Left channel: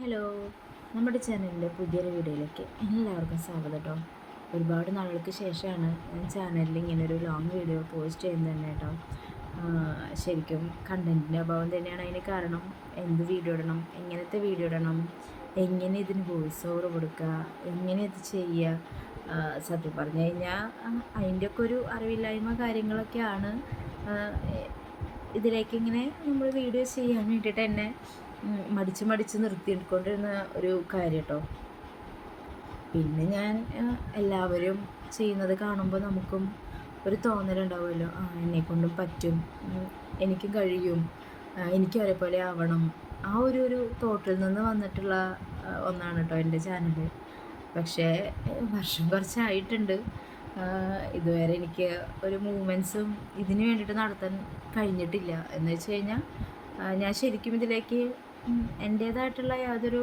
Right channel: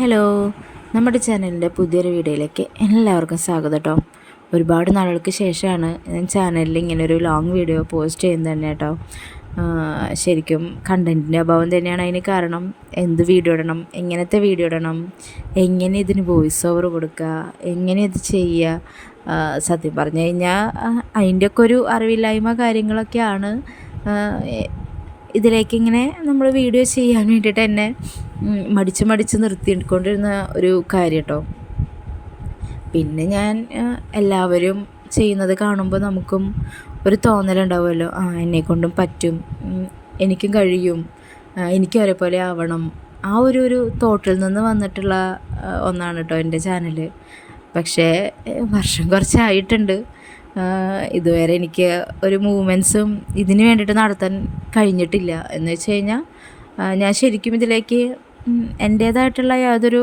Hello, നമ്മുടെ ചാനലിൻ്റെ പുതിയൊരു വീഡിയോയിലേക്ക് എല്ലാവർക്കും സ്വാഗതം കേട്ടോ. ഒരുപാട് നാളുകൾക്ക് ശേഷമാണ് ഞാൻ ചാനലിൽ ഇങ്ങനെ ഒരു ലോങ് വീഡിയോ പോസ്റ്റ് ചെയ്യുന്നത് തന്നെ കേട്ടോ. ശരിക്കും കണ്ടൻറ്റിൻ്റെ അഭാവം തന്നെയാണ് അതിന് കാരണം. എന്ത് വീഡിയോ ഇടണം, എങ്ങനത്തെ വീഡിയോ ഇടണം, എങ്ങനെ ഇതിന് വോയിസ് ഓവർ കൊടുക്കുക, എങ്ങനെ ഇത് ചെയ്യുക, സത്യം പറഞ്ഞു കഴിഞ്ഞാൽ അതിൻ്റെയൊക്കെ ഒരു അറിവില്ലായ്മ കാര്യങ്ങളൊക്കെയാണ് ഇതിലേക്ക് ഇങ്ങനെ നമ്മൾ വീഡിയോ ചെയ്യാൻ വേണ്ടിയിട്ട് എന്നെ മടിച്ച് നിർത്തിക്കൊണ്ടിരുന്ന ഒരു കാര്യം കേട്ടോ. പിന്നെ ഞാൻ എല്ലാവരും ചെയ്യുന്നത് കാണുമ്പോൾ നമുക്കും ഒരു തോന്നലുണ്ടാവുമല്ലോ, എന്നെക്കൊണ്ടും പറ്റും, എനിക്കും കഴിയും, എനിക്കും ഒരേപോലെ ആവണം. ആ ഒരു തോട്ടിൽ നിന്ന് വന്നിട്ടുള്ള ഒന്നാണ് കേട്ടോ എൻ്റെ ചാനൽ. പക്ഷേ വർഷം കുറച്ചായിട്ടുണ്ട്. ഇതുവരെ എനിക്ക് ഒരു മൂവ്മെൻറ്റ്സും ഇതിന് വേണ്ടിയിട്ട് നടത്താൻ കഴിഞ്ഞിട്ടില്ല. എന്ന് വെച്ച് കഴിഞ്ഞാൽ ഞാൻ ശരിക്കും ഇതിലേക്ക് എൻ്റേതായിട്ടുള്ള യാതൊരു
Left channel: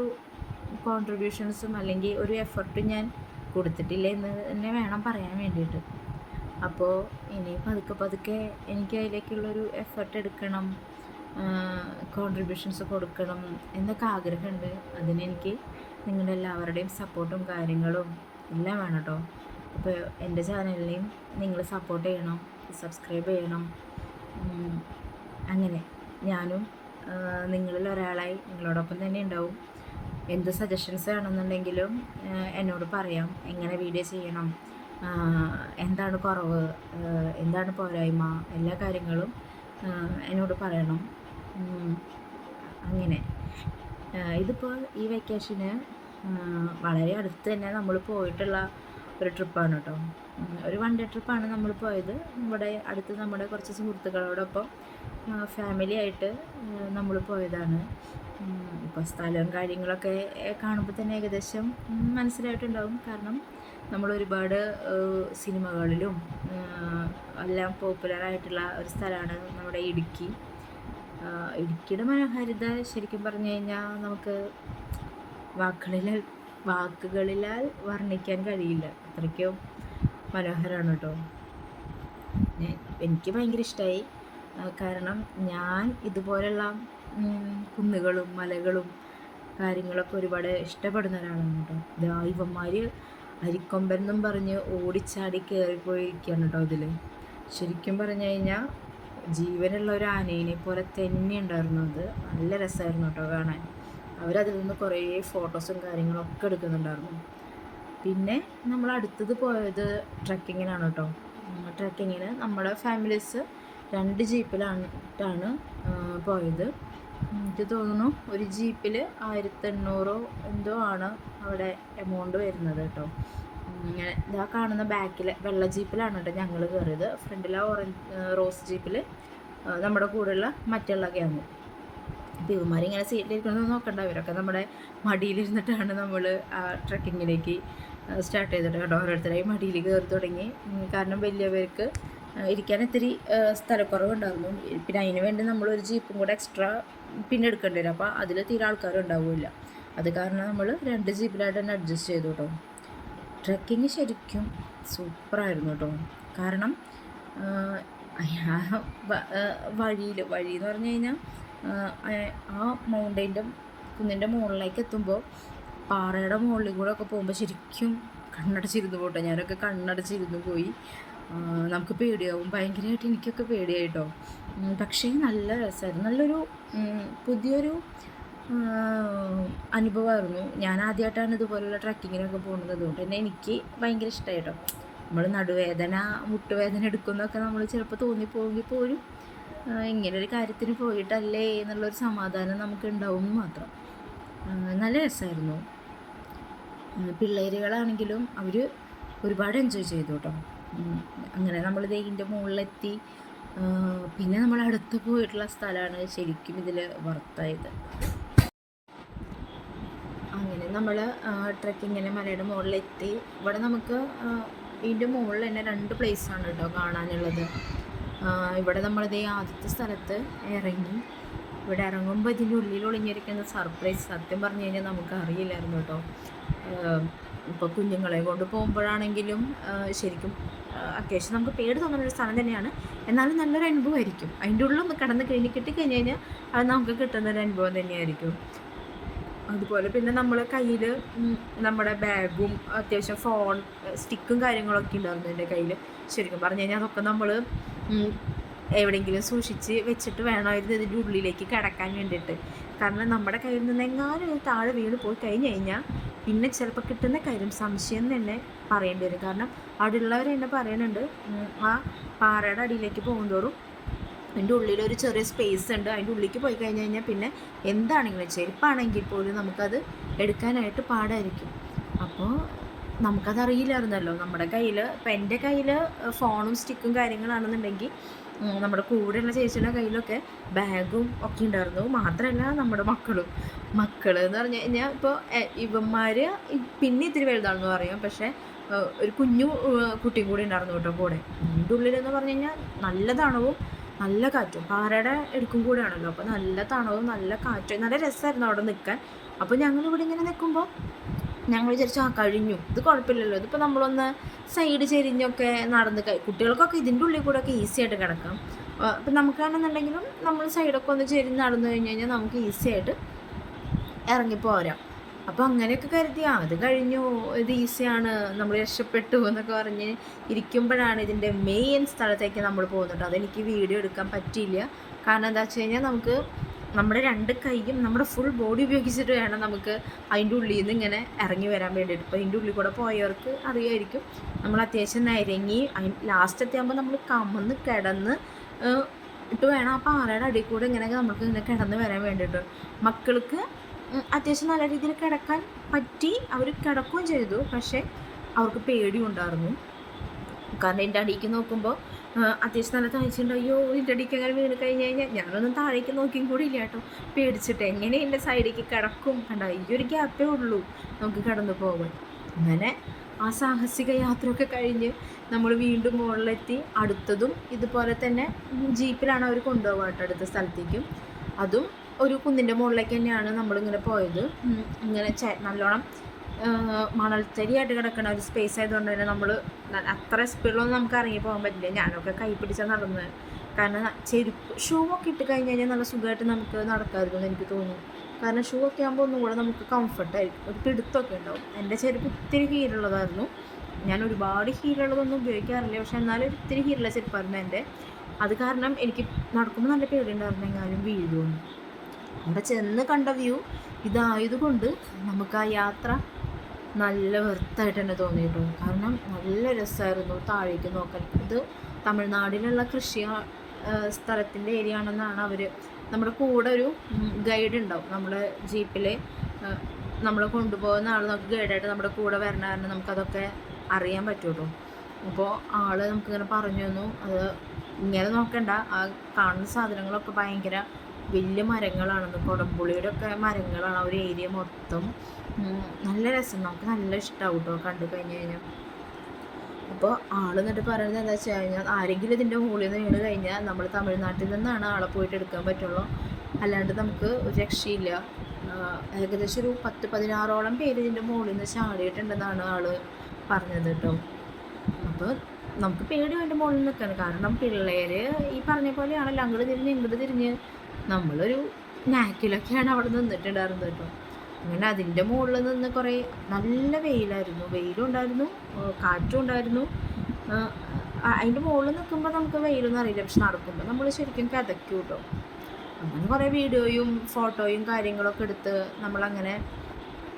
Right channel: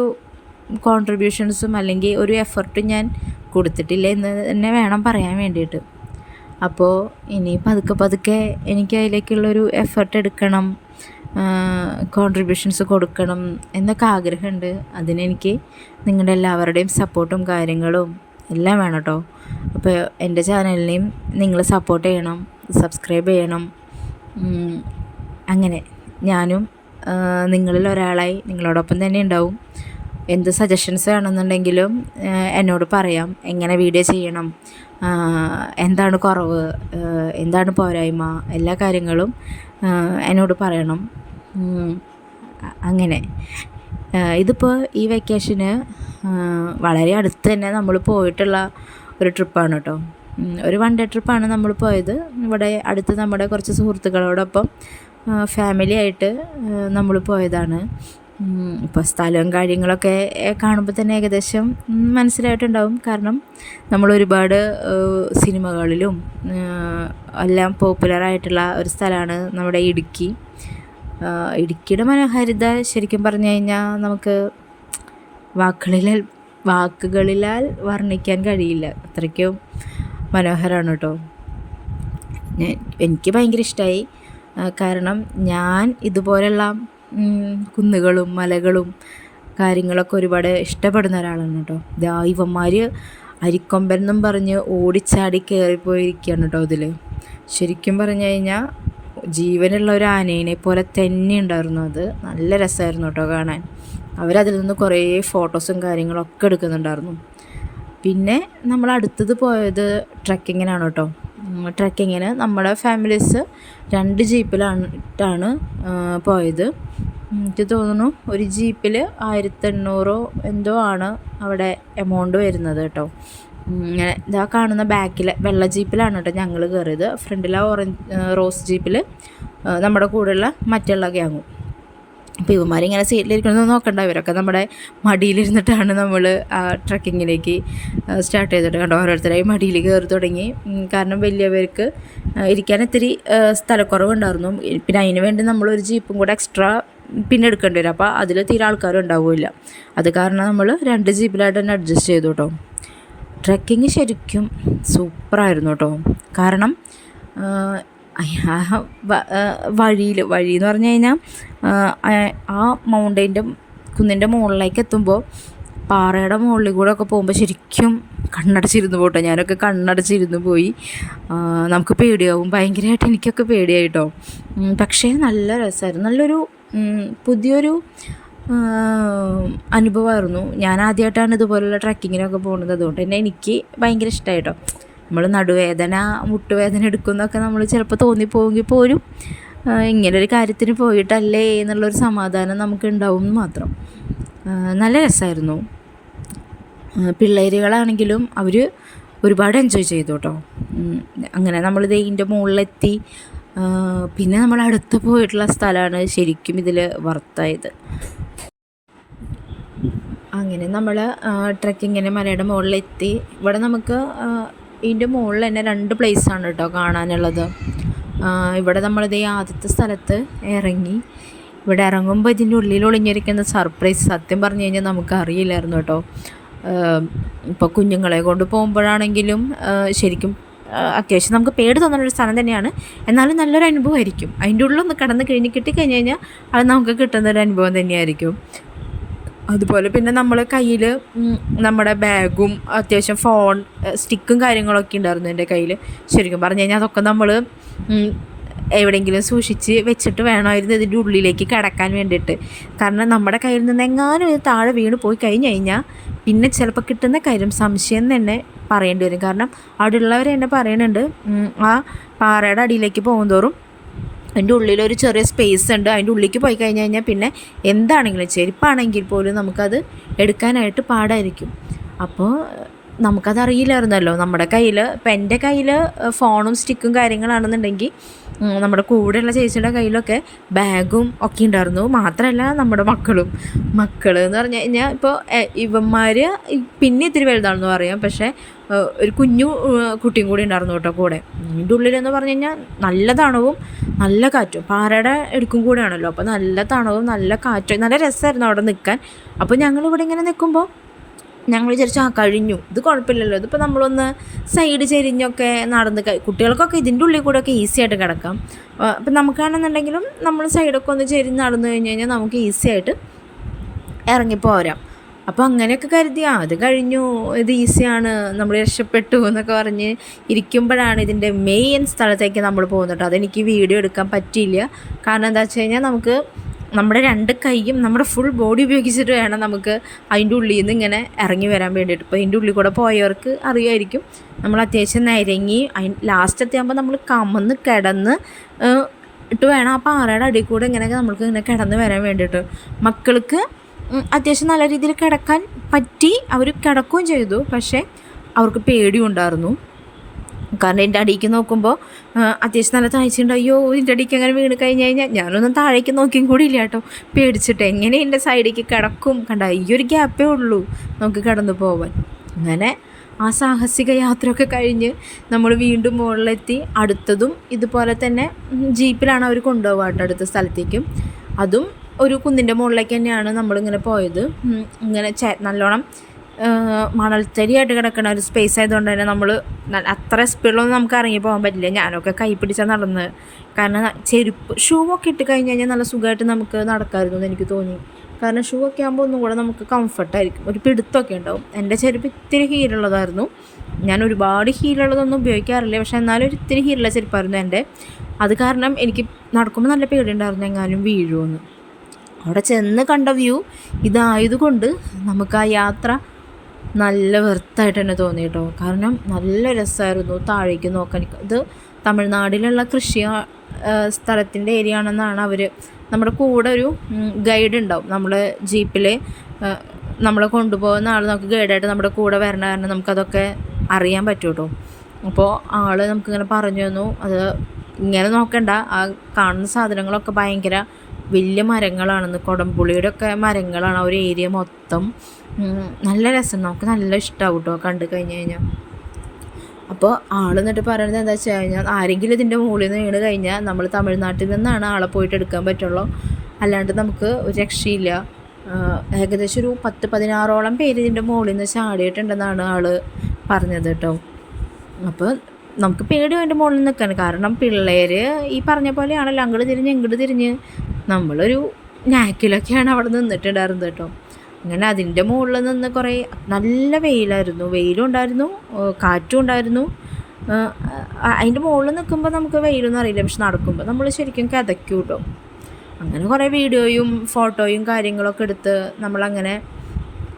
കോൺട്രിബ്യൂഷൻസും അല്ലെങ്കിൽ ഒരു എഫർട്ടും ഞാൻ കൊടുത്തിട്ടില്ല എന്ന് തന്നെ വേണം പറയാൻ വേണ്ടിയിട്ട്. അപ്പോൾ ഇനി പതുക്കെ എനിക്ക് അതിലേക്കുള്ളൊരു എഫർട്ട് എടുക്കണം, കോൺട്രിബ്യൂഷൻസ് കൊടുക്കണം എന്നൊക്കെ ആഗ്രഹമുണ്ട്. അതിനെനിക്ക് നിങ്ങളുടെ എല്ലാവരുടെയും സപ്പോർട്ടും കാര്യങ്ങളും എല്ലാം വേണം കേട്ടോ. അപ്പോൾ എൻ്റെ ചാനലിനെയും നിങ്ങൾ സപ്പോർട്ട് ചെയ്യണം, സബ്സ്ക്രൈബ് ചെയ്യണം. അങ്ങനെ ഞാനും നിങ്ങളിൽ ഒരാളായി നിങ്ങളോടൊപ്പം തന്നെ ഉണ്ടാവും. എന്ത് സജഷൻസ് വേണമെന്നുണ്ടെങ്കിലും എന്നോട് പറയാം. എങ്ങനെ വീഡിയോ ചെയ്യണം, എന്താണ് കുറവ്, എന്താണ് പോരായ്മ, എല്ലാ കാര്യങ്ങളും എന്നോട് പറയണം. അങ്ങനെ ഇതിപ്പോൾ ഈ വെക്കേഷന് വളരെ അടുത്ത് തന്നെ നമ്മൾ പോയിട്ടുള്ള ഒരു ട്രിപ്പാണ് കേട്ടോ. ഒരു 1 ഡേ ട്രിപ്പാണ് നമ്മൾ പോയത്. ഇവിടെ അടുത്ത് നമ്മുടെ കുറച്ച് സുഹൃത്തുക്കളോടൊപ്പം ഫാമിലി ആയിട്ട് നമ്മൾ പോയതാണ്. ഇപ്പോൾ സ്ഥലവും കാര്യങ്ങളൊക്കെ കാണുമ്പോൾ തന്നെ ഏകദേശം മനസ്സിലായിട്ടുണ്ടാവും. കാരണം നമ്മൾ ഒരുപാട് സിനിമകളിലും എല്ലാം പോപ്പുലറായിട്ടുള്ള ഒരു സ്ഥലമാണ് നമ്മുടെ ഇടുക്കി. ഇടുക്കിയുടെ മനോഹാരിത ശരിക്കും പറഞ്ഞു കഴിഞ്ഞാൽ നമുക്ക് വാക്കുകളിലാൽ വർണ്ണിക്കാൻ കഴിയില്ല. അത്രയ്ക്കും മനോഹരമാണ് കേട്ടോ. എനിക്ക് ഭയങ്കര ഇഷ്ടമായി. കാരണം ഞാൻ ഇതുപോലെയുള്ള കുന്നുകളും മലകളും കാര്യങ്ങളൊക്കെ ഒരുപാട് ഇഷ്ടപ്പെടുന്ന ഒരാളാണ് കേട്ടോ. ഇവന്മാർ അരിക്കൊമ്പൻ എന്നും പറഞ്ഞ് ഓടിച്ചാടി കയറിപ്പോയിരിക്കുകയാണ് കേട്ടോ ഇതിൽ. ശരിക്കും പറഞ്ഞു കഴിഞ്ഞാൽ ജീവനുള്ള ഒരു ആനേനെ പോലെ തന്നെ ഉണ്ടായിരുന്നു. അത് നല്ല രസമായിരുന്നു കേട്ടോ കാണാൻ. അവരതിൽ നിന്ന് കുറേ ഫോട്ടോസും കാര്യങ്ങളൊക്കെ എടുക്കുന്നുണ്ടായിരുന്നു. പിന്നെ നമ്മൾ അടുത്തത് പോയത് ട്രക്കിങ്ങിനാണ് കേട്ടോ. ട്രക്കിങ്ങിന് നമ്മുടെ ഫാമിലീസ് 2 ജീപ്പിലായിട്ടാണ് പോയത്. എനിക്ക് തോന്നുന്നു ഒരു ജീപ്പിൽ 1800 എന്തോ ആണ് അവിടെ എമൗണ്ട് വരുന്നത് കേട്ടോ. ഇങ്ങനെ ഇതാ കാണുന്ന ബാക്കിൽ വെള്ള ജീപ്പിലാണ് കേട്ടോ ഞങ്ങൾ കയറിയത്. ഫ്രണ്ടിലെ റോസ് ജീപ്പിൽ നമ്മുടെ കൂടെയുള്ള മറ്റുള്ള ഗ്യാങ്ങും. അപ്പോൾ ഇവന്മാരിങ്ങനെ സീറ്റിലിരിക്കുന്നത് നോക്കണ്ട, ഇവരൊക്കെ നമ്മുടെ മടിയിലിരുന്നിട്ടാണ് നമ്മൾ ആ ട്രക്കിങ്ങിലേക്ക് സ്റ്റാർട്ട് ചെയ്തിട്ട് കണ്ടോ. ഓരോരുത്തരായി മടിയിൽ കയറി തുടങ്ങി. കാരണം വലിയവർക്ക് ഇരിക്കാൻ ഇത്തിരി സ്ഥലക്കുറവുണ്ടായിരുന്നു. പിന്നെ അതിന് വേണ്ടി നമ്മളൊരു ജീപ്പും കൂടെ എക്സ്ട്രാ പിന്നെ എടുക്കേണ്ടി വരും. അപ്പോൾ അതിൽ തീരെ ആൾക്കാരും ഉണ്ടാവില്ല. അത് കാരണം നമ്മൾ 2 ജീപ്പിലായിട്ട് തന്നെ അഡ്ജസ്റ്റ് ചെയ്തു കേട്ടോ. ട്രക്കിങ് ശരിക്കും സൂപ്പറായിരുന്നു കേട്ടോ. കാരണം വഴി എന്ന് പറഞ്ഞു കഴിഞ്ഞാൽ ആ കുന്നിൻ്റെ മുകളിലേക്ക് എത്തുമ്പോൾ പാറയുടെ മുകളിൽ കൂടെ ഒക്കെ പോകുമ്പോൾ ശരിക്കും കണ്ണടച്ചിരുന്നു പോട്ടോ. ഞാനൊക്കെ കണ്ണടച്ചിരുന്നു പോയി. നമുക്ക് പേടിയാവും ഭയങ്കരമായിട്ട്. എനിക്കൊക്കെ പേടിയായിട്ടോ. പക്ഷേ നല്ല രസമായിരുന്നു. നല്ലൊരു പുതിയൊരു അനുഭവമായിരുന്നു. ഞാൻ ആദ്യമായിട്ടാണ് ഇതുപോലുള്ള ട്രക്കിങ്ങിനൊക്കെ പോകുന്നത്. അതുകൊണ്ട് തന്നെ എനിക്ക് ഭയങ്കര ഇഷ്ടമായിട്ടോ. നമ്മൾ നടുവേദന മുട്ടുവേദന എടുക്കുന്നതൊക്കെ നമ്മൾ ചിലപ്പോൾ തോന്നിപ്പോയെങ്കിൽ പോലും ഇങ്ങനൊരു കാര്യത്തിന് പോയിട്ടല്ലേ എന്നുള്ളൊരു സമാധാനം നമുക്ക് ഉണ്ടാവും മാത്രം. നല്ല രസമായിരുന്നു. പിള്ളേരുകളാണെങ്കിലും അവർ ഒരുപാട് എൻജോയ് ചെയ്തു കേട്ടോ. അങ്ങനെ നമ്മളിത് ഇതിൻ്റെ മുകളിലെത്തി. പിന്നെ നമ്മൾ അടുത്ത് പോയിട്ടുള്ള സ്ഥലമാണ് ശരിക്കും ഇതിൽ വർത്തായത്. അങ്ങനെ നമ്മൾ ട്രക്കിങ്ങിന് മലയുടെ മുകളിലെത്തി. ഇവിടെ നമുക്ക് ഇതിൻ്റെ മുകളിൽ തന്നെ 2 പ്ലേസാണ് കേട്ടോ കാണാനുള്ളത്. ഇവിടെ നമ്മളിത് ആദ്യത്തെ സ്ഥലത്ത് ഇറങ്ങി. ഇവിടെ ഇറങ്ങുമ്പോൾ ഇതിൻ്റെ ഉള്ളിൽ ഒളിഞ്ഞിരിക്കുന്ന സർപ്രൈസ് സത്യം പറഞ്ഞു കഴിഞ്ഞാൽ നമുക്ക് അറിയില്ലായിരുന്നു കേട്ടോ. ഇപ്പോൾ കുഞ്ഞുങ്ങളെ കൊണ്ട് പോകുമ്പോഴാണെങ്കിലും ശരിക്കും അത്യാവശ്യം നമുക്ക് പേടി തോന്നുന്നൊരു സ്ഥലം തന്നെയാണ്. എന്നാലും നല്ലൊരു അനുഭവമായിരിക്കും. അതിൻ്റെ ഉള്ളിലൊന്ന് കിടന്ന് കിട്ടിക്കഴിഞ്ഞ് കഴിഞ്ഞാൽ അത് നമുക്ക് കിട്ടുന്നൊരു അനുഭവം തന്നെയായിരിക്കും. അതുപോലെ പിന്നെ നമ്മൾ കയ്യിൽ നമ്മുടെ ബാഗും അത്യാവശ്യം ഫോൺ സ്റ്റിക്കും കാര്യങ്ങളൊക്കെ ഉണ്ടായിരുന്നു എൻ്റെ കയ്യിൽ. ശരിക്കും പറഞ്ഞു കഴിഞ്ഞാൽ അതൊക്കെ നമ്മൾ എവിടെയെങ്കിലും സൂക്ഷിച്ച് വെച്ചിട്ട് വേണമായിരുന്നു ഇതിൻ്റെ ഉള്ളിലേക്ക് കിടക്കാൻ വേണ്ടിയിട്ട്. കാരണം നമ്മുടെ കയ്യിൽ നിന്ന് എങ്ങാനും ഇത് താഴെ വീണ് പോയി കഴിഞ്ഞ് കഴിഞ്ഞാൽ പിന്നെ ചിലപ്പോൾ കിട്ടുന്ന കാര്യം സംശയം തന്നെ പറയേണ്ടി വരും. കാരണം അവിടെ ഉള്ളവർ എന്നെ പറയുന്നുണ്ട്, ആ പാറയുടെ അടിയിലേക്ക് പോകുന്തോറും അതിൻ്റെ ഉള്ളിലൊരു ചെറിയ സ്പേസ് ഉണ്ട്, അതിൻ്റെ ഉള്ളിലേക്ക് പോയി കഴിഞ്ഞ് കഴിഞ്ഞാൽ പിന്നെ എന്താണെങ്കിലും ചെരുപ്പാണെങ്കിൽ പോലും നമുക്കത് എടുക്കാനായിട്ട് പാടായിരിക്കും. അപ്പോൾ നമുക്കതറിയില്ലായിരുന്നല്ലോ. നമ്മുടെ കയ്യിൽ ഇപ്പം എൻ്റെ കയ്യിൽ ഫോണും സ്റ്റിക്കും കാര്യങ്ങളാണെന്നുണ്ടെങ്കിൽ നമ്മുടെ കൂടെയുള്ള ചേച്ചിയുടെ കയ്യിലൊക്കെ ബാഗും ഒക്കെ ഉണ്ടായിരുന്നു. മാത്രമല്ല നമ്മുടെ മക്കൾ എന്ന് പറഞ്ഞു കഴിഞ്ഞാൽ ഇപ്പോൾ ഇവന്മാർ പിന്നെ ഇത്തിരി വലുതാണെന്ന് പറയാം, പക്ഷേ ഒരു കുഞ്ഞു കുട്ടിയും കൂടി ഉണ്ടായിരുന്നു കേട്ടോ കൂടെ. ഇതിൻ്റെ ഉള്ളിലെന്ന് പറഞ്ഞു കഴിഞ്ഞാൽ നല്ല തണവും നല്ല കാറ്റും, പാറയുടെ എടുക്കും കൂടെയാണല്ലോ, അപ്പോൾ നല്ല തണവും നല്ല കാറ്റും, നല്ല രസമായിരുന്നു അവിടെ നിൽക്കാൻ. അപ്പോൾ ഞങ്ങളിവിടെ ഇങ്ങനെ നിൽക്കുമ്പോൾ ഞങ്ങൾ വിചാരിച്ചു കഴിഞ്ഞു, ഇത് കുഴപ്പമില്ലല്ലോ, ഇതിപ്പോൾ നമ്മളൊന്ന് സൈഡ് ചെരിഞ്ഞൊക്കെ നടന്ന് കുട്ടികൾക്കൊക്കെ ഇതിൻ്റെ ഉള്ളിൽ കൂടെയൊക്കെ ഈസി ആയിട്ട് കിടക്കാം. അപ്പം നമുക്കാണെന്നുണ്ടെങ്കിലും നമ്മൾ സൈഡൊക്കെ ഒന്ന് ചെരിഞ്ഞ് നടന്നു കഴിഞ്ഞ് കഴിഞ്ഞാൽ നമുക്ക് ഈസി ആയിട്ട് ഇറങ്ങിപ്പോരാം. അപ്പോൾ അങ്ങനെയൊക്കെ കരുതി അത് കഴിഞ്ഞു, ഇത് ഈസിയാണ്, നമ്മൾ രക്ഷപ്പെട്ടു എന്നൊക്കെ പറഞ്ഞ് ഇരിക്കുമ്പോഴാണ് ഇതിൻ്റെ മെയിൻ സ്ഥലത്തേക്ക് നമ്മൾ പോകുന്നത്. അതെനിക്ക് വീഡിയോ എടുക്കാൻ പറ്റിയില്ല. കാരണം എന്താ വെച്ച് കഴിഞ്ഞാൽ നമുക്ക് നമ്മുടെ 2 കൈയും നമ്മുടെ ഫുൾ ബോഡി ഉപയോഗിച്ചിട്ട് വേണം നമുക്ക് അതിൻ്റെ ഉള്ളിൽ നിന്ന് ഇങ്ങനെ ഇറങ്ങി വരാൻ വേണ്ടിയിട്ട്. ഇപ്പോൾ അതിൻ്റെ ഉള്ളിൽ കൂടെ പോയവർക്ക് അറിയായിരിക്കും, നമ്മൾ അത്യാവശ്യം നിരങ്ങി ലാസ്റ്റ് എത്തിയാകുമ്പോൾ നമ്മൾ കമന്ന് കിടന്ന് ഇട്ട് വേണം ആ പാറയുടെ അടിയിൽ കൂടെ ഇങ്ങനെയൊക്കെ നമ്മൾക്ക് ഇങ്ങനെ കിടന്ന് വരാൻ വേണ്ടിയിട്ട്. മക്കൾക്ക് അത്യാവശ്യം നല്ല രീതിയിൽ കിടക്കാൻ പറ്റി, അവർ കിടക്കുകയും ചെയ്തു. പക്ഷേ അവർക്ക് പേടിയും ഉണ്ടായിരുന്നു. കാരണം എൻ്റെ അടിയിലേക്ക് നോക്കുമ്പോൾ അത്യാവശ്യം നല്ല താഴ്ചയുണ്ട്. അയ്യോ ഇതിൻ്റെ അടിയിലേക്ക് അങ്ങനെ വീണ് കഴിഞ്ഞ് കഴിഞ്ഞാൽ ഞാനൊന്നും താഴേക്ക് നോക്കിയും കൂടി ഇല്ല കേട്ടോ, പേടിച്ചിട്ട് എങ്ങനെ എൻ്റെ സൈഡിലേക്ക് കിടക്കും. കണ്ട ഈ ഒരു ഗ്യാപ്പേ ഉള്ളൂ നമുക്ക് കടന്നു പോകാൻ. അങ്ങനെ ആ സാഹസിക യാത്രയൊക്കെ കഴിഞ്ഞ് നമ്മൾ വീണ്ടും മുകളിലെത്തി. അടുത്തതും ഇതുപോലെ തന്നെ ജീപ്പിലാണ് അവർ കൊണ്ടുപോകുക കേട്ടോ അടുത്ത സ്ഥലത്തേക്കും. അതും ഒരു കുന്നിൻ്റെ മുകളിലേക്ക് തന്നെയാണ് നമ്മളിങ്ങനെ പോയത്. ഇങ്ങനെ നല്ലോണം മണൽത്തരിയായിട്ട് കിടക്കുന്ന ഒരു സ്പേസ് ആയതുകൊണ്ട് തന്നെ നമ്മൾ അത്ര സ്പീഡിലൊന്നും നമുക്ക് ഇറങ്ങി പോകാൻ പറ്റില്ല. ഞാനൊക്കെ കൈ പിടിച്ചാൽ നടന്ന്, കാരണം ഷൂ ഒക്കെ ഇട്ട് കഴിഞ്ഞ് കഴിഞ്ഞാൽ നല്ല സുഖമായിട്ട് നമുക്ക് നടക്കാമായിരുന്നു എന്ന് എനിക്ക് തോന്നി. കാരണം ഷൂ ഒക്കെ ആകുമ്പോൾ ഒന്നും കൂടെ നമുക്ക് കംഫർട്ടായിരിക്കും, ഒരു പിടുത്തമൊക്കെ ഉണ്ടാവും. എൻ്റെ ചെരുപ്പ് ഇത്തിരി ഹീലുള്ളതായിരുന്നു. ഞാൻ ഒരുപാട് ഹീലുള്ളതൊന്നും ഉപയോഗിക്കാറില്ല, പക്ഷേ എന്നാലും ഒരു ഇത്തിരി ഹീലുള്ള ചെരുപ്പായിരുന്നു എൻ്റെ. അത് കാരണം എനിക്ക് നടക്കുമ്പോൾ നല്ല പേടിയുണ്ടായിരുന്നു എങ്ങാനും വീഴുമെന്ന്. അവിടെ ചെന്ന് കണ്ട വ്യൂ ഇതായതുകൊണ്ട് നമുക്ക് ആ യാത്ര നല്ല വെർത്തായിട്ട് തന്നെ തോന്നി കേട്ടോ. കാരണം നല്ല രസമായിരുന്നു താഴേക്ക് നോക്കാൻ. ഇത് തമിഴ്നാട്ടിലുള്ള കൃഷി സ്ഥലത്തിൻ്റെ ഏരിയ ആണെന്നാണ് അവർ, നമ്മുടെ കൂടെ ഒരു ഗൈഡ് ഉണ്ടാവും. നമ്മൾ ജീപ്പിൽ നമ്മളെ കൊണ്ടുപോകുന്ന ആൾ നമുക്ക് ഗൈഡായിട്ട് നമ്മുടെ കൂടെ വരണ കാരണം നമുക്കതൊക്കെ അറിയാൻ പറ്റും കേട്ടോ. അപ്പോൾ ആൾ നമുക്കിങ്ങനെ പറഞ്ഞു തന്നു, അത് ഇങ്ങനെ നോക്കണ്ട, ആ കാണുന്ന സാധനങ്ങളൊക്കെ ഭയങ്കര വലിയ മരങ്ങളാണെന്ന്, കുടംപുളിയുടെ ഒക്കെ മരങ്ങളാണ് ആ ഒരു ഏരിയ മൊത്തം. നല്ല രസം, നമുക്ക് നല്ല ഇഷ്ടമാവും കേട്ടോ കണ്ടു കഴിഞ്ഞ് കഴിഞ്ഞാൽ. അപ്പോൾ ആൾ എന്നിട്ട് പറയുന്നത് എന്താ വെച്ച് കഴിഞ്ഞാൽ, ആരെങ്കിലും ഇതിൻ്റെ മുകളിൽ നിന്ന് വീണ് കഴിഞ്ഞാൽ നമ്മൾ തമിഴ്നാട്ടിൽ നിന്നാണ് ആളെ പോയിട്ട് എടുക്കാൻ പറ്റുള്ളൂ, അല്ലാണ്ട് നമുക്ക് ഒരു രക്ഷയില്ല. ഏകദേശം ഒരു 10-16ഓളം പേര് ഇതിൻ്റെ മുകളിൽ നിന്ന് ചാടിയിട്ടുണ്ടെന്നാണ് ആൾ പറഞ്ഞത് കേട്ടോ. അപ്പോൾ നമുക്ക് പേടി അതിൻ്റെ മുകളിൽ നിൽക്കാൻ, കാരണം പിള്ളേർ ഈ പറഞ്ഞ പോലെയാണല്ലോ, അങ്ങോട്ട് തിരിഞ്ഞ് ഇങ്ങോട്ട് തിരിഞ്ഞ് നമ്മളൊരു നാക്കിലൊക്കെയാണ് അവിടെ നിന്നിട്ടുണ്ടായിരുന്നത് കേട്ടോ. അങ്ങനെ അതിൻ്റെ മുകളിൽ നിന്ന് കുറേ നല്ല വെയിലും ഉണ്ടായിരുന്നു, കാറ്റും ഉണ്ടായിരുന്നു. അതിൻ്റെ മുകളിൽ നിൽക്കുമ്പോൾ നമുക്ക് വെയിലൊന്നും അറിയില്ല, പക്ഷെ നടക്കുമ്പോൾ നമ്മൾ ശരിക്കും കിതയ്ക്കും കേട്ടോ. അങ്ങനെ കുറേ വീഡിയോയും ഫോട്ടോയും കാര്യങ്ങളൊക്കെ എടുത്ത് നമ്മളങ്ങനെ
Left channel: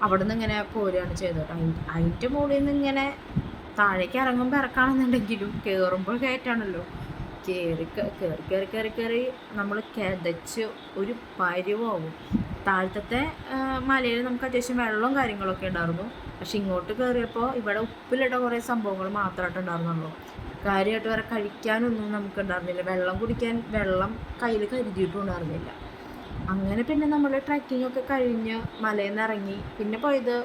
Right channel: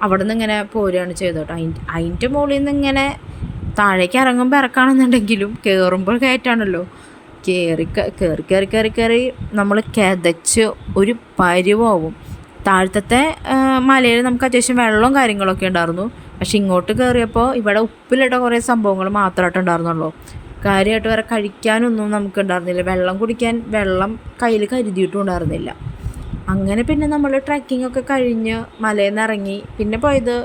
അവിടെ നിന്ന് ഇങ്ങനെ പോരുകയാണ് ചെയ്തത് കേട്ടോ. അതിൻ്റെ മുകളിൽ നിന്ന് ഇങ്ങനെ താഴേക്ക് ഇറങ്ങുമ്പോൾ ഇറക്കാണെന്നുണ്ടെങ്കിലും കയറുമ്പോൾ കയറ്റാണല്ലോ, കയറി നമ്മൾ കിതച്ച് ഒരു പരിവാവും. താഴത്തെ മലയിൽ നമുക്ക് അത്യാവശ്യം വെള്ളവും കാര്യങ്ങളൊക്കെ ഉണ്ടായിരുന്നു, പക്ഷെ ഇങ്ങോട്ട് കയറിയപ്പോൾ ഇവിടെ ഉപ്പിലിട്ട കുറേ സംഭവങ്ങൾ മാത്രമായിട്ട് ഉണ്ടായിരുന്നുള്ളൂ. കാര്യമായിട്ട് വേറെ കഴിക്കാനൊന്നും നമുക്ക് ഉണ്ടായിരുന്നില്ല, വെള്ളം കുടിക്കാൻ വെള്ളം കയ്യിൽ കരുതിയിട്ടും ഉണ്ടായിരുന്നില്ല. അങ്ങനെ പിന്നെ നമ്മൾ ട്രക്കിംഗ് ഒക്കെ കഴിഞ്ഞ് മലയിൽ നിന്ന് ഇറങ്ങി പിന്നെ പോയത്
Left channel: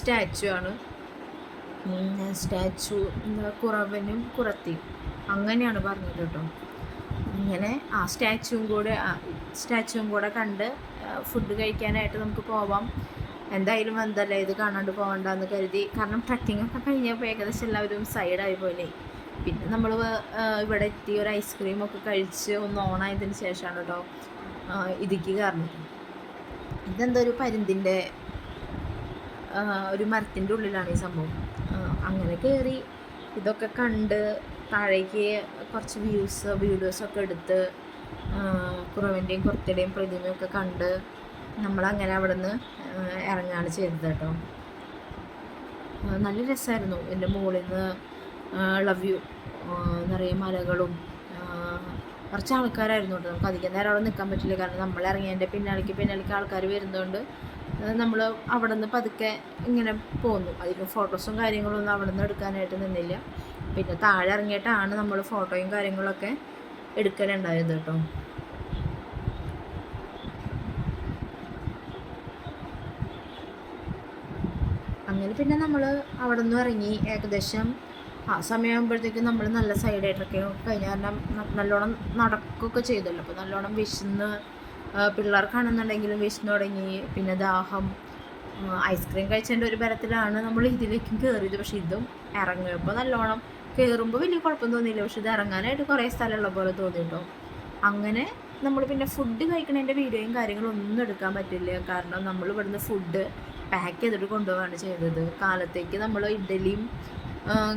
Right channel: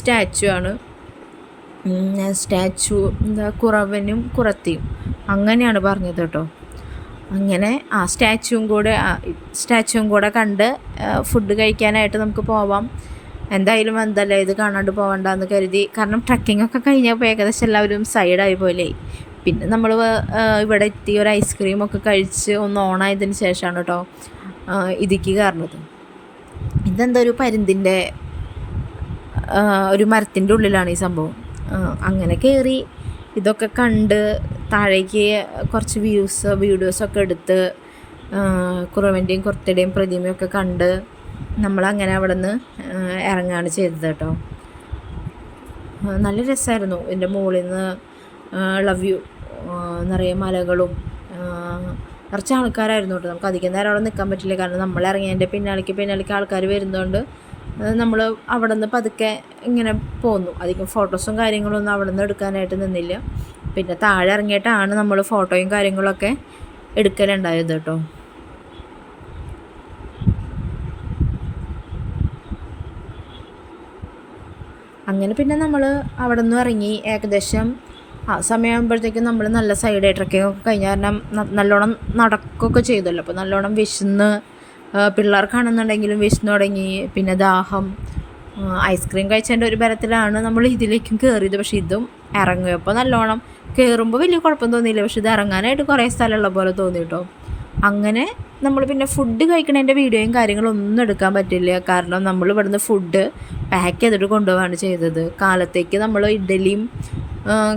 സ്റ്റാച്ചു ആണ്. സ്റ്റാച്ചു കുറവനും കുറത്തിയും അങ്ങനെയാണ് പറഞ്ഞത് കേട്ടോ. അങ്ങനെ സ്റ്റാച്ചുവും കൂടെ കണ്ട് ഫുഡ് കഴിക്കാനായിട്ട് നമുക്ക് പോവാം. എന്തായാലും എന്തല്ലേ ഇത് കാണാണ്ട് പോകണ്ടെന്ന് കരുതി, കാരണം ട്രക്കിംഗ് ഒക്കെ കഴിഞ്ഞപ്പോൾ ഏകദേശം എല്ലാവരും സൈഡായി പോലെ. പിന്നെ നമ്മൾ ഇവിടെ എത്തി ഒരു ഐസ്ക്രീമൊക്കെ കഴിച്ച് ഒന്ന് ഓണായതിന് ശേഷമാണ് കേട്ടോ ഇതിക്ക് കയറുന്നത്. ഇതെന്താ ഒരു പരുന്തിൻ്റെ ഒരു മരത്തിൻ്റെ ഉള്ളിലാണ് ഈ സംഭവം. അങ്ങനെ കയറി ഇതൊക്കെ കണ്ട് താഴേക്ക് കുറച്ച് വീഡിയോസൊക്കെ എടുത്ത് കുറവൻ്റെയും കുർത്തയുടെയും പ്രതിമയൊക്കെ കണ്ട് നമ്മളങ്ങനെ അവിടെ നിന്ന് ഇറങ്ങുകയാണ് ചെയ്തത് കേട്ടോ. നല്ല രസമായിരുന്നു. എൻ്റെ മുകളിൽ നിന്ന് ലവ് യു നിറയെ മലകളും കുറച്ച് ആൾക്കാരായിരുന്നു കേട്ടോ. നമുക്ക് അധികം നേരം അവിടെ നിൽക്കാൻ പറ്റില്ല, കാരണം നമ്മൾ ഇറങ്ങിയതിൻ്റെ പിന്നാലേക്ക് ആൾക്കാർ വരുന്നതുകൊണ്ട് നമ്മൾ അവിടെ നിന്ന് പതുക്കെ ഇങ്ങനെ പോന്നു. അധികം ഫോട്ടോസും കാര്യങ്ങളൊന്നും അവിടെ നിന്ന് എടുക്കാനായിട്ട് നിന്നില്ല. പിന്നെ താഴെ ഇറങ്ങിയിട്ടാണ് നമ്മൾ ഫോട്ടോയും കാര്യങ്ങളൊക്കെ എടുക്കലുണ്ടായത് കേട്ടോ. അങ്ങനെ പിന്നെ നമ്മൾ അവിടെ നിന്ന് ഇറങ്ങി ഏകദേശം സമയമാകുമ്പോഴത്തേക്കും നമ്മൾ നല്ല സൈഡ് ട്രക്കിംഗ് ഒക്കെ കഴിഞ്ഞ കാരണം നല്ലോണം നടക്കുകയൊക്കെ ചെയ്തല്ലോ. അപ്പോൾ നല്ലോണം വിശന്ന് പിള്ളേർക്കാണെന്നുണ്ടെങ്കിലും വിശന്ന് തുടങ്ങി. പിന്നെ ദാഹം, ഐസ്ക്രീം കഴിച്ചതിൻ്റെ ഒരു ബലത്തിലാണ് നമ്മൾ ഇതിലേക്കും കയറിയത്. പക്ഷേ ഇതും ഇറങ്ങിയപ്പോൾ നല്ലോണം കയറുമ്പോൾ വലിയ കുഴപ്പം തോന്നിയില്ല, പക്ഷെ ഇത് ഇറങ്ങാനായിട്ട് കുറേ സ്ഥലമുള്ള പോലെ തോന്നി കേട്ടോ. അങ്ങനെ നമ്മൾ പിന്നെ ഫുഡ് കഴിക്കണതിൻ്റെ വീഡിയോയും കാര്യങ്ങളും ഒന്നും എടുക്കാൻ പറ്റില്ല, കാരണം നമ്മൾ ഇവിടുന്ന് ഫുഡ് പാക്ക് ചെയ്തിട്ട് കൊണ്ടുപോവാണ് ചെയ്തത്. കാലത്തേക്ക് നമ്മൾ ഇഡ്ഡലിയും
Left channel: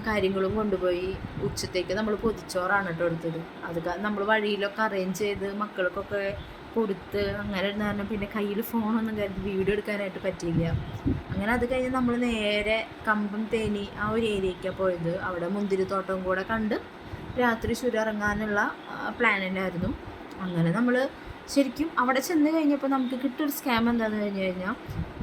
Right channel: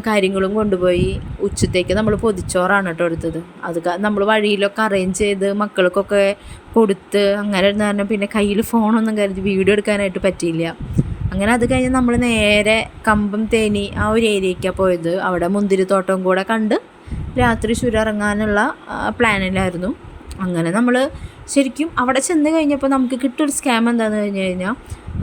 കാര്യങ്ങളും കൊണ്ടുപോയി, ഉച്ചത്തേക്ക് നമ്മൾ പൊതിച്ചോറാണ് കേട്ടോ എടുത്തത്. അത് നമ്മൾ വഴിയിലൊക്കെ അറേഞ്ച് ചെയ്ത് മക്കൾക്കൊക്കെ കൊടുത്ത് അങ്ങനെ ഇരുന്ന കാരണം പിന്നെ കയ്യിൽ ഫോണൊന്നും കരുതി വീഡിയോ എടുക്കാനായിട്ട് പറ്റിയില്ല. അങ്ങനെ അത് കഴിഞ്ഞ് നമ്മൾ നേരെ കമ്പം തേനി ആ ഒരു ഏരിയയ്ക്കാണ് പോയത്. അവിടെ മുന്തിരിത്തോട്ടം കൂടെ കണ്ട് രാത്രി ചുരമിറങ്ങാനുള്ള പ്ലാനിലായിരുന്നു. അങ്ങനെ നമ്മൾ ശരിക്കും അവിടെ ചെന്ന് കഴിഞ്ഞപ്പോൾ നമുക്ക് കിട്ടിയൊരു സ്കാം എന്താണെന്ന് കഴിഞ്ഞ് കഴിഞ്ഞാൽ,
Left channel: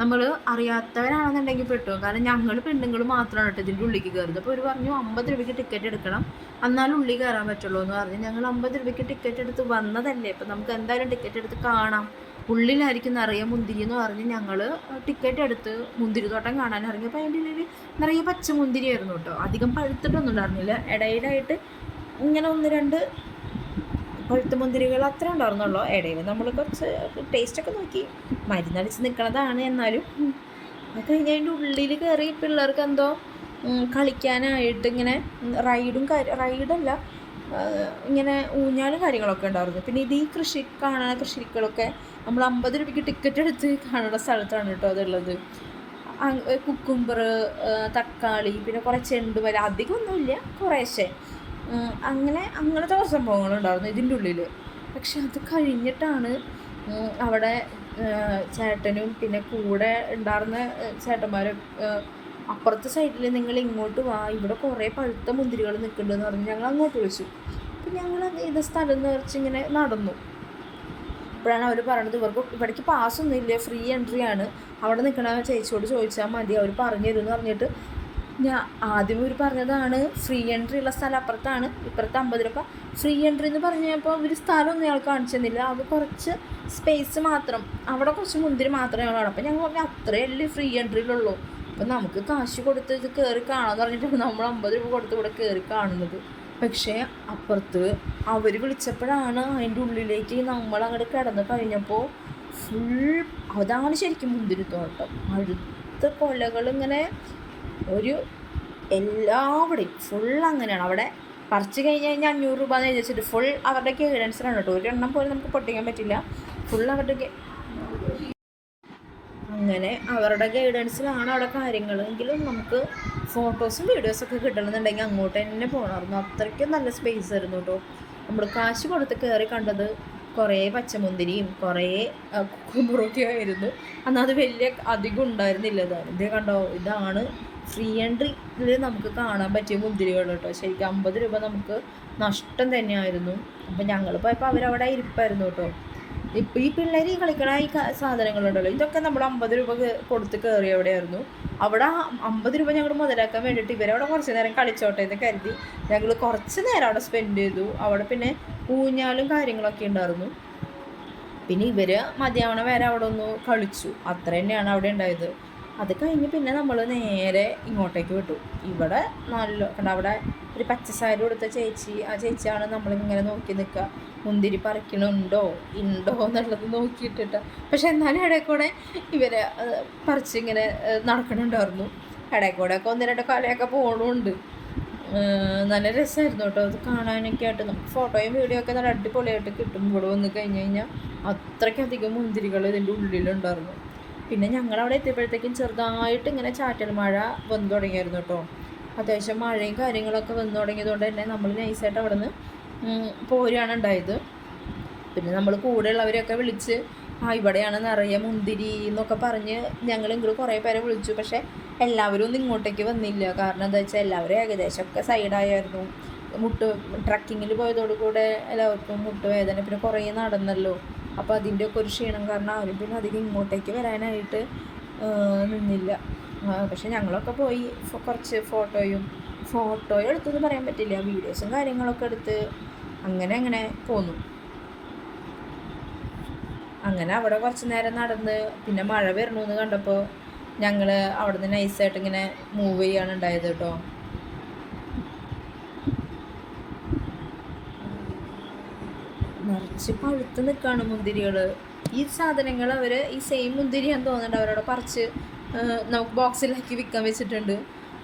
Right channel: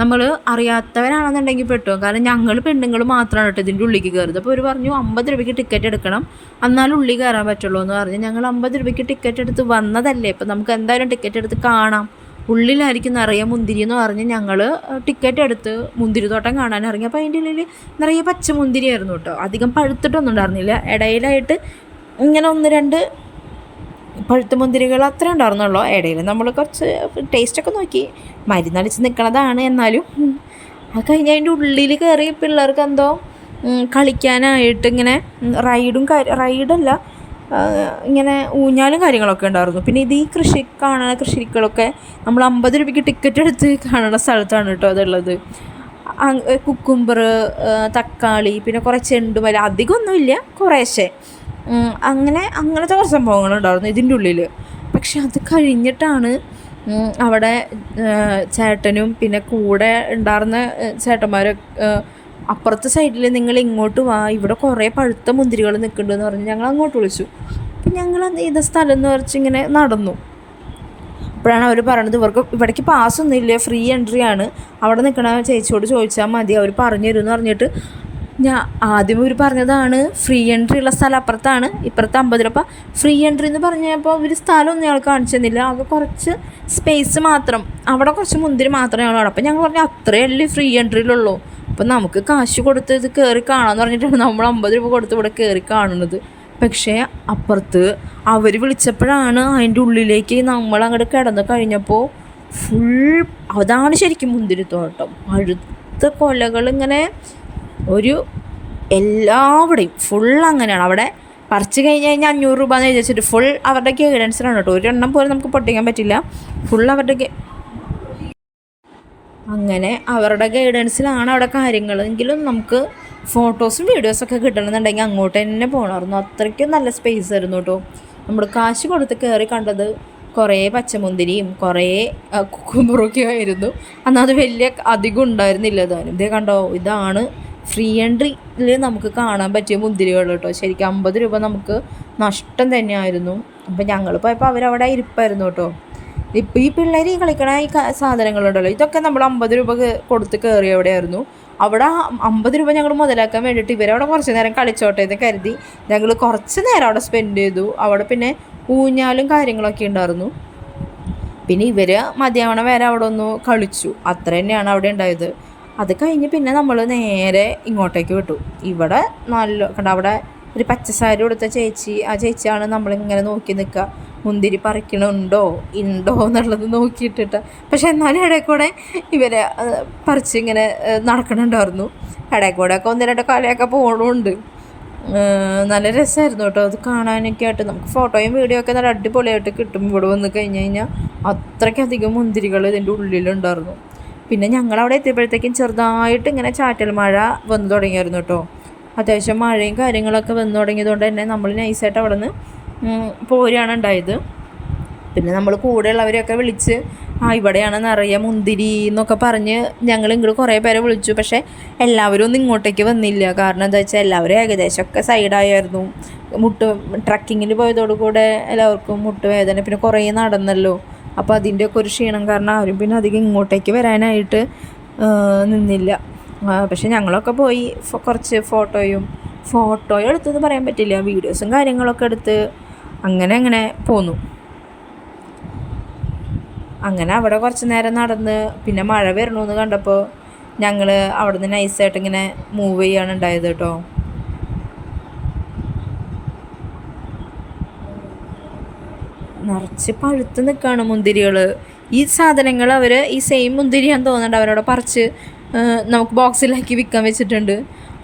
നമ്മൾ അറിയാത്തവരാണെന്നുണ്ടെങ്കിൽ പെട്ടോ, കാരണം ഞങ്ങൾ പെണ്ണുങ്ങൾ മാത്രമാണ് കേട്ടോ ഇതിൻ്റെ ഉള്ളിലേക്ക് കയറുന്നത്. അപ്പോൾ അവർ പറഞ്ഞു 50 രൂപയ്ക്ക് ടിക്കറ്റ് എടുക്കണം, എന്നാലും ഉള്ളിൽ കയറാൻ പറ്റുള്ളൂ എന്ന് പറഞ്ഞ് ഞങ്ങൾ 50 രൂപയ്ക്ക് ടിക്കറ്റ് എടുത്ത് വന്നതല്ലേ, ഇപ്പം നമുക്ക് എന്തായാലും ടിക്കറ്റ് എടുത്ത് കാണാം, ഉള്ളിലായിരിക്കും നിറയെ മുന്തിരി എന്ന് പറഞ്ഞ് ഞങ്ങൾ ടിക്കറ്റ് എടുത്ത് മുന്തിരിത്തോട്ടം കാണാൻ ഇറങ്ങി. അപ്പോൾ അതിൻ്റെ ഉള്ളിൽ നിറയെ പച്ചമുന്തിരി ആയിരുന്നു കേട്ടോ. അധികം പഴുത്തിട്ടൊന്നും ഉണ്ടായിരുന്നില്ല, ഇടയിലായിട്ട് ഇങ്ങനെ 1-2 പഴുത്ത മുന്തിരികൾ അത്ര ഉണ്ടായിരുന്നുള്ളൂ. ഇടയിൽ നമ്മൾ കുറച്ച് ടേസ്റ്റൊക്കെ നോക്കി, മരുന്നടിച്ച് നിൽക്കണതാണ്. എന്നാലും അത് കഴിഞ്ഞ് അതിൻ്റെ ഉള്ളിൽ കയറി പിള്ളേർക്ക് എന്തോ കളിക്കാനായിട്ട് ഇങ്ങനെ റൈഡല്ല, ഇങ്ങനെ ഊഞ്ഞാലും കാര്യങ്ങളൊക്കെ ഉണ്ടായിരുന്നു. പിന്നെ ഇത് ഈ കാണുന്ന കൃഷികളൊക്കെ നമ്മൾ 50 രൂപയ്ക്ക് ടിക്കറ്റ് എടുത്ത് കാണുന്ന സ്ഥലത്താണ് കേട്ടോ അതുള്ളത്. കുക്കുംബർ, തക്കാളി, പിന്നെ കുറേ ചെണ്ടുമല്ലി, അധികമൊന്നുമില്ല, കുറേശ്ശെ അങ്ങനത്തെ കുറച്ച് സംഭവങ്ങളുണ്ടായിരുന്നു ഇതിൻ്റെ ഉള്ളിൽ. പക്ഷെ അത് കഴിഞ്ഞിട്ടാണ് അവിടെ ചേട്ടനും പിന്നെ കൂടെ ഉണ്ടായിരുന്ന ചേട്ടന്മാർ അപ്പുറത്തെ സൈഡിൽ നിങ്ങൾ ഇങ്ങോട്ട് വാ, ഇവിടെ കുറേ പഴുത്ത മുന്തിരികൾ നിൽക്കുന്നുണ്ടെന്ന് പറഞ്ഞ് ഞങ്ങൾ അങ്ങോട്ട് വിളിച്ചു. അപ്പം ഞങ്ങൾ ഇത് സ്ഥലം എന്ന് പറഞ്ഞ് ഇങ്ങനെ നടന്നു. അപ്പോഴാണ് അവർ പറയണത് ഇവിടേക്ക് പാസ്സൊന്നും ഇല്ല, ഫ്രീ എൻട്രി ആണ്, അവിടെ നിൽക്കണ ചേച്ചിയോട് ചോദിച്ചാൽ മതി, അവർ പറഞ്ഞു തരുമെന്ന് പറഞ്ഞിട്ട് ആദ്യം ഇവർ പറഞ്ഞതാണ് ഫ്രീ എൻട്രി ഉള്ള സ്ഥലം അപ്പുറത്താണ്, ഇപ്പുറത്ത് 50 രൂപ. ഫ്രീ എൻട്രി എന്ന് പറഞ്ഞപ്പോൾ അവർ സ്ഥലമൊന്നും ഞങ്ങൾ കാണിച്ചു തന്നില്ല, ആകെ കുറച്ച് സ്പേസ് മാത്രം, അവിടെ കുറച്ച് മുന്തിരി മാത്രമേ ഞങ്ങൾ. അപ്പോൾ ഞങ്ങൾ പറഞ്ഞു അത്രയല്ലേ ഫ്രീ എൻട്രിയിലുള്ളൂ, അപ്പം നമുക്ക് കാശ് കൊടുത്ത് ഇത് കയറി കാണാമെന്ന് പറഞ്ഞിട്ടാണ് നമ്മൾ 50 രൂപ കൊടുത്ത് ഇവിടെ കയറി കാണുന്നത്. പക്ഷേ അപ്പുറത്ത് അവർ വിളിച്ചപ്പോഴാണ് അതിൻ്റെ ഉള്ളിലേക്ക് നമ്മൾ അങ്ങോട്ട് കിടന്ന് കഴിഞ്ഞപ്പോൾ അതാണ് ശരിക്കും മുന്തിരിത്തോട്ടം. അടുത്ത കൊലകളിങ്ങനെ എല്ലാവിടെയും അങ്ങനെയാണ്. അവിടെ പറിച്ച് കഴിഞ്ഞ് കഴിഞ്ഞാൽ 500 രൂപ എന്ന് വിചാരിച്ചിട്ട് ഫുൾ അവരുടെ ഗൈഡൻസിലാണ് കേട്ടോ. ഒരെണ്ണം പോലും നമുക്ക് പൊട്ടിക്കാൻ പറ്റില്ല, ഫുൾ അവരുടെ അങ്ങനെ അവരുടെ ഗൈഡൻസിലാണ് അവിടെ കാര്യങ്ങൾ. എങ്കിലും നമുക്ക് ഫോട്ടോസും വീഡിയോസൊക്കെ കിട്ടണമെന്നുണ്ടെങ്കിൽ അങ്ങോട്ട് തന്നെ പോകണമായിരുന്നു, അത്രയ്ക്കും നല്ല സ്പേസ് ആയിരുന്നു കേട്ടോ. നമ്മൾ കാശ് കൊടുത്ത് കയറി കണ്ടത് കുറേ പച്ചമുന്തിരിയും കുറേ കുക്കുമ്പറൊക്കെ ആയിരുന്നു. അത് വലിയ അധികം ഉണ്ടായിരുന്നില്ല. ഇതേ കണ്ടോ, ഇതാണ് ഫ്രീ എൻട്രിയിൽ നമുക്ക് കാണാൻ പറ്റിയ മുന്തിരികൾ കേട്ടോ. ശരിക്കും 50 രൂപ നമുക്ക് നഷ്ടം തന്നെയായിരുന്നു. അപ്പം ഞങ്ങൾ പോയപ്പോൾ അവരവിടെ ഇരിപ്പായിരുന്നു കേട്ടോ. ഇപ്പോൾ ഈ പിള്ളേർ ഈ കളിക്കണ ഈ സാധനങ്ങളുണ്ടല്ലോ, ഇതൊക്കെ നമ്മൾ 50 രൂപ കൊടുത്ത് കയറി എവിടെയായിരുന്നു. അവിടെ 50 രൂപ ഞങ്ങൾ മുതലാക്കാൻ വേണ്ടിയിട്ട് ഇവരവിടെ കുറച്ച് നേരം കളിച്ചോട്ടെ എന്ന് കരുതി ഞങ്ങൾ കുറച്ച് നേരം അവിടെ സ്പെൻഡ് ചെയ്തു. അവിടെ പിന്നെ ഊഞ്ഞാലും കാര്യങ്ങളൊക്കെ ഉണ്ടായിരുന്നു. പിന്നെ ഇവർ മതിയാവണ വരെ അവിടെ ഒന്ന് കളിച്ചു, അത്ര തന്നെയാണ് അവിടെ ഉണ്ടായത്. അത് കഴിഞ്ഞ് പിന്നെ നമ്മൾ നേരെ ഇങ്ങോട്ടേക്ക് വിട്ടു. ഇവിടെ കണ്ട അവിടെ ഒരു പച്ചസാരി കൊടുത്ത ചേച്ചി, ആ ചേച്ചിയാണ് നമ്മളിങ്ങനെ നോക്കി നിൽക്കുക, മുന്തിരി പറിക്കണുണ്ടോ എന്നുള്ളത് നോക്കിയിട്ടിട്ട്. പക്ഷെ എന്നാലും ഇടയിൽ കൂടെ ഇവരെ പറിച്ചിങ്ങനെ നടക്കണുണ്ടായിരുന്നു. ഇടയിൽ കൂടെ ഒക്കെ 1-2 കാലയൊക്കെ പോകണമുണ്ട്. നല്ല രസമായിരുന്നു കേട്ടോ അത് കാണാനൊക്കെ ആയിട്ട്. നമുക്ക് ഫോട്ടോയും വീഡിയോ ഒക്കെ നല്ല അടിപൊളിയായിട്ട് കിട്ടും ഇവിടെ വന്ന് കഴിഞ്ഞ് കഴിഞ്ഞാൽ. അത്രയ്ക്കധികം മുന്തിരികൾ ഇതിൻ്റെ ഉള്ളിലുണ്ടായിരുന്നു. പിന്നെ ഞങ്ങളവിടെ എത്തിയപ്പോഴത്തേക്കും ചെറുതായിട്ട് ഇങ്ങനെ ചാറ്റൽ മഴ വന്നു തുടങ്ങിയായിരുന്നു കേട്ടോ. അത്യാവശ്യം മഴയും കാര്യങ്ങളൊക്കെ വന്നു തുടങ്ങിയതുകൊണ്ട് തന്നെ നമ്മൾ നൈസായിട്ട് അവിടെ നിന്ന് പോരുകയാണ് ഉണ്ടായത്. പിന്നെ നമ്മൾ കൂടെയുള്ളവരെയൊക്കെ വിളിച്ച് ഇവിടെയാണ് നിറയെ മുന്തിരി എന്നൊക്കെ പറഞ്ഞ് ഞങ്ങൾ ഇങ്ങോട്ട് കുറേ പേരെ വിളിച്ചു. പക്ഷേ എല്ലാവരും ഒന്നും ഇങ്ങോട്ടേക്ക് വന്നില്ല. കാരണം എന്താ വെച്ചാൽ എല്ലാവരും ഏകദേശമൊക്കെ സൈഡായിരുന്നു. ട്രക്കിങ്ങിന് പോയതോടുകൂടെ എല്ലാവർക്കും മുട്ടുവേദന, പിന്നെ കുറേ നടന്നല്ലോ. അപ്പോൾ അതിൻ്റെയൊക്കെ ഒരു ക്ഷീണം കാരണം ആരും പിന്നെ അധികം ഇങ്ങോട്ടേക്ക് വരാനായിട്ട് നിന്നില്ല. പക്ഷെ ഞങ്ങളൊക്കെ പോയി കുറച്ച് ഫോട്ടോ എടുത്തെന്ന് പറയാൻ പറ്റില്ല, വീഡിയോസും കാര്യങ്ങളൊക്കെ എടുത്ത് അങ്ങനെ പോന്നു. അങ്ങനെ അവിടെ കുറച്ച് നേരം നടന്ന് പിന്നെ മഴ വരണമെന്ന് കണ്ടപ്പോൾ ഞങ്ങൾ അവിടെ നിന്ന് നൈസായിട്ട് ഇങ്ങനെ മൂവ് ചെയ്യാണ് ഉണ്ടായത് കേട്ടോ. നിറച്ച് പഴുത്ത് നിൽക്കുകയാണ് മുന്തിരികൾ. ഈ സാധനങ്ങൾ അവർ ഈ സെയിം മുന്തിരിയാന്ന് തോന്നുന്നുണ്ട് അവരവിടെ പറിച്ച് നമുക്ക് ബോക്സിലാക്കി വിൽക്കാൻ വെച്ചിട്ടുണ്ട്.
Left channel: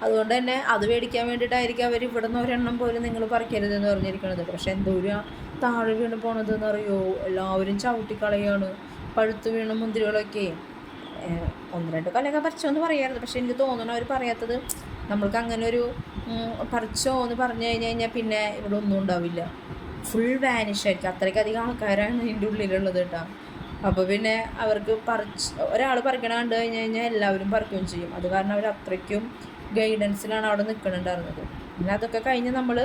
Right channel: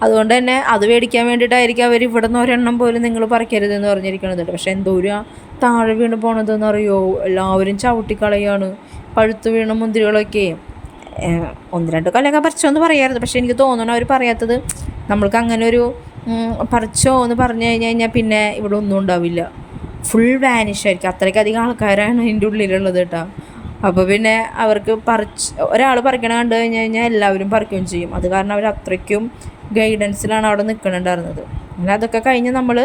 അതുകൊണ്ട് തന്നെ അത് മേടിക്കാൻ വേണ്ടിയിട്ടായിരിക്കും അവർ ഇവിടെ നിന്ന് ഒരെണ്ണം പോലും നിങ്ങൾ പറിക്കരുതെന്ന് പറഞ്ഞിരിക്കണത്. പക്ഷേ എന്തോരം താഴെ വീണ് പോണതെന്ന് അറിയോ, എല്ലാവരും ചവിട്ടിക്കളയാണ് പഴുത്ത് വീണ മുന്തിരികളൊക്കെ. 1-2 കൊല്ലമൊക്കെ പറിച്ചോന്ന് പറയാറുണ്ട്. പക്ഷേ എനിക്ക് തോന്നണം അവർ പറയാത്തത് നമ്മൾക്ക് അങ്ങനെ ഒരു പറിച്ചോ എന്ന് പറഞ്ഞു കഴിഞ്ഞാൽ പിന്നെ ഇവിടെ ഒന്നും ഉണ്ടാവില്ല, ഫുൾ വാനിഷായിരിക്കും. അത്രയ്ക്കധികം ആൾക്കാരാണ് ഇതിൻ്റെ ഉള്ളിലുള്ളത് കേട്ടോ. അപ്പോൾ പിന്നെ അവർക്ക് ഒരാൾ പറിക്കണ കണ്ടു കഴിഞ്ഞാൽ എല്ലാവരും പറിക്കുകയും ചെയ്യും. അത് കാരണം അവർ അത്രയ്ക്കും ഗൈഡൻസിലാണ് അവിടെ നിൽക്കണുണ്ടായിരുന്നത്. പിന്നെ അതൊക്കെ കഴിഞ്ഞ് നമ്മൾ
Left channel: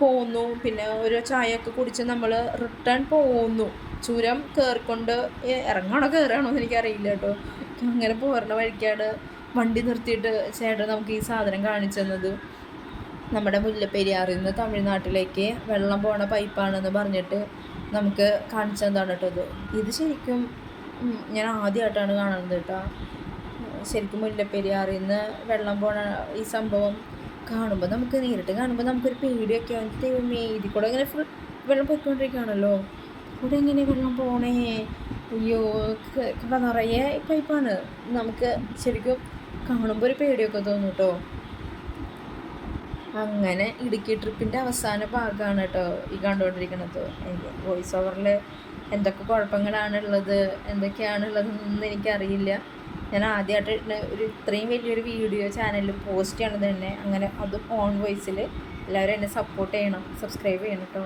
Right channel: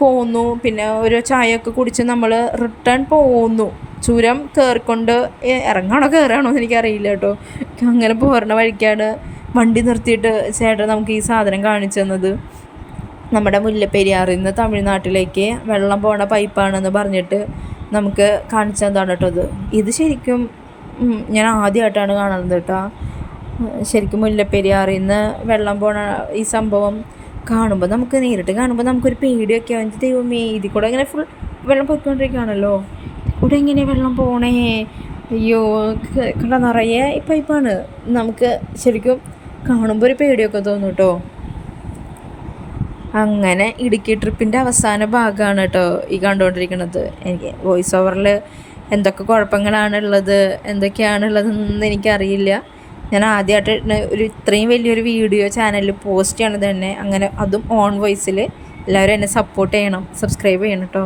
പോന്നു. പിന്നെ ഒരു ചായയൊക്കെ കുടിച്ച് നമ്മൾ റിട്ടേൺ പോന്നു. ചുരം കയറിക്കൊണ്ട് ഇറങ്ങാണോ കയറാണോ എന്ന് എനിക്കറിയില്ല കേട്ടോ. അങ്ങനെ പോരണ വഴിക്കാണ് വണ്ടി നിർത്തിയിട്ട് ചേട്ടൻ നമുക്ക് ഈ സാധനം കാണിച്ചു തന്നത്. നമ്മുടെ മുല്ലപ്പെരിയാറിൽ നിന്ന് തമിഴ്നാട്ടിലേക്ക് വെള്ളം പോണ പൈപ്പാണെന്ന് പറഞ്ഞിട്ട് നമുക്ക് കാണിച്ചു തന്നതാണ് കേട്ടോ. ഇത് ശരിക്കും ഞാൻ ആദ്യമായിട്ടാണ് കാണുന്നത് കേട്ടോ. ശരിക്കും മുല്ലപ്പെരിയാറിൽ നിന്ന് വെള്ളം പോണ ഈ സംഭവം കാണുമ്പോൾ നേരിട്ട് കാണുമ്പോൾ നമുക്കൊരു പേടിയൊക്കെ ആവും. ദൈവമേ, ഇതിൽ കൂടെ ഇങ്ങനെ ഫുൾ വെള്ളം പോയിക്കൊണ്ടിരിക്കുകയാണല്ലോ, ഇവിടെ ഇങ്ങനെ വെള്ളം പോണേ, അയ്യോ കണ്ട നിറയെ ഈ പൈപ്പാണ്. നമുക്ക് ശരിക്കും കാണുമ്പോൾ ഒരു പേടിയൊക്കെ തോന്നും കേട്ടോ. അങ്ങനെ ഇടുക്കി ട്രിപ്പിൻ്റെ അവസാന ഭാഗമാണ് കേട്ടോ ഈ കണ്ടുകൊണ്ടിരിക്കുന്നത്. എനിക്ക് വോയിസ് ഓവറിൽ എന്തൊക്കെ കുഴപ്പങ്ങളാണുള്ളത് എന്തൊക്കെയാണുള്ളതെന്നൊന്നും എനിക്കറിയില്ല. ഞാൻ ആദ്യമായിട്ട് ഇത്രയും വലിയൊരു വീഡിയോ ചാനലിൽ പോസ്റ്റ് ചെയ്യണത് തന്നെ. അങ്ങനെ അതും ഓൺ വോയിസിൽ. എല്ലാവരും എന്നെ സപ്പോർട്ട് ചെയ്യണം, സബ്സ്ക്രൈബ് ചെയ്യണം കേട്ടോ.